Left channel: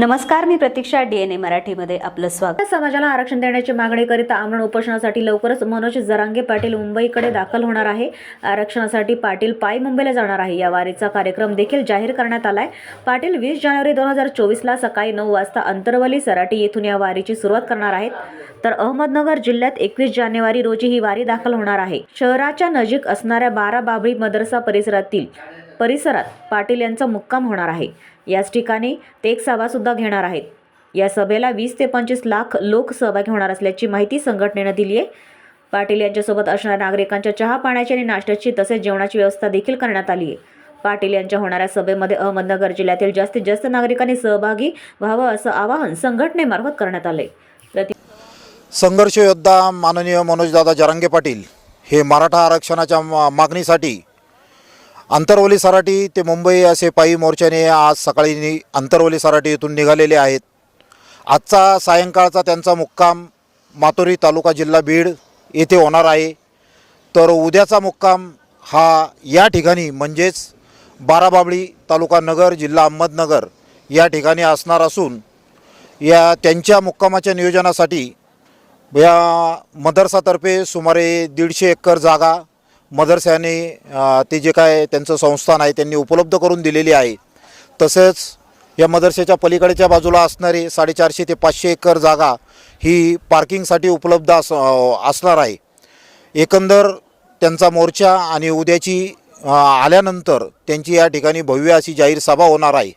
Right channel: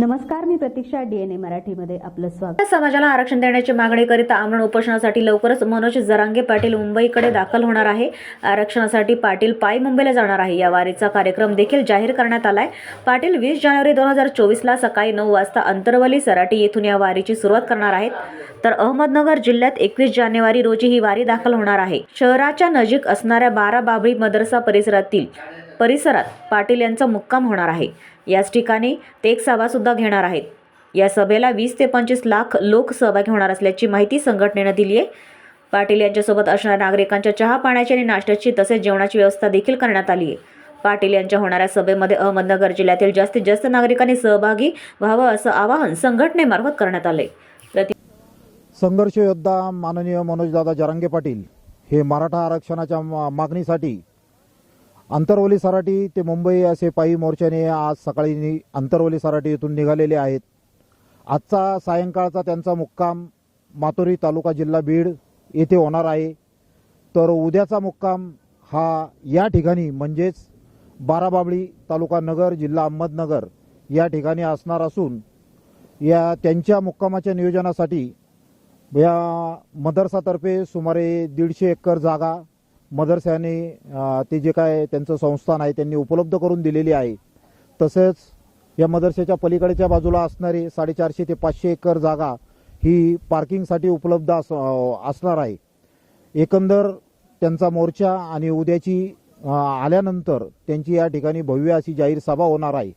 नमस्कार मी प्रतीक्षा डीएनए मराठीमध्ये आपलं स्वागत. समाजाला आरक्षण देण्याची मागणी करिता आमरण उपोषणासाठी लवकरच मनोज जरांगे पाटील मुंबईकडे दाखल होणार आहे. आरक्षणासाठी पाटील पाय मुंबईला जाणार आहे. या वारीचा कार्यक्रम देखील जाहीर करण्यात आलाय. पाटील वीस जानेवारी दोन हजार चोवीसला सकाळी नऊ वाजता अंतरवली सराटी येथून या वारीची सुरुवात करणार आहेत. तर अहमदनगर जिल्ह्यात एकवीस जानेवारी रोजी ही वारी दाखल होणार आहे. शहराच्या नजीक असणाऱ्या बारा बाबळी मदरसा परिसरातील परिसरात पाटील यांचा मुक्काम होणार आहे. याच ठिकाणी ते एक सभासुद्धा घेणार आहेत. या सभेला वीस ते पंचवीस लाख लोक सहभागी होणार असल्याची माहिती संघटनेनं दिली आहे. पाटील यांच्यासोबत असणाऱ्या नागरिकांच्या चहा पाण्याची आणि नाश्त्याची तसेच जेवणाची व्यवस्था देखील करण्यात आली आहे. पाटील यांच्या होणाऱ्या सभेमध्ये अहमदनगर जिल्ह्यातील जास्तीत जास्त नागरिकांनी सहभागी व्हावं असं आवाहन संघटनेमार्फत करण्यात आले संघर्ष योद्धा माननीय मनोजदादा जरांगे पाटील हे मराठा आरक्षणाच्या मा- मागणीसाठी अंतरवली सराटी ते मुंबई असे पायी मोर्चाने आज सकाळी नि अंतरवली सराटी येथून निघालेले आहेत. आजचा सायंकाळचा त्यांचा मुक्काम मातोरी तालुका जिल्हा बीड येथे होणार आहे. तर उद्याचा मुक्काम हा या ठिकाणी म्हणजेच बाराबाबळी तालुका नगर जिल्हा अहमदनगर या ठिकाणी असणार असून या त्यांच्या मुक्कामाच्या नियोजनासाठी या मदरसातर्फे सुमारे दीडशे एकर जागा मदरसाने ते जे काय त्यांचं संस्थान आहे त्यांनी उपलब्ध करून दिलेली आहे. तसंच या मदरसेच्या पलीकडच्या बाजूला असणारी साडेचारशे ते पाचशे एकर जागा ही पार्किंगसाठी उपलब्ध अस असणार आहे. एकंदर त्यांचा मोर्चा आणि उद्याची आल्यानंतर त्यांची या ठिकाणी भव्य अशी जाहीर सभा होणार आहे.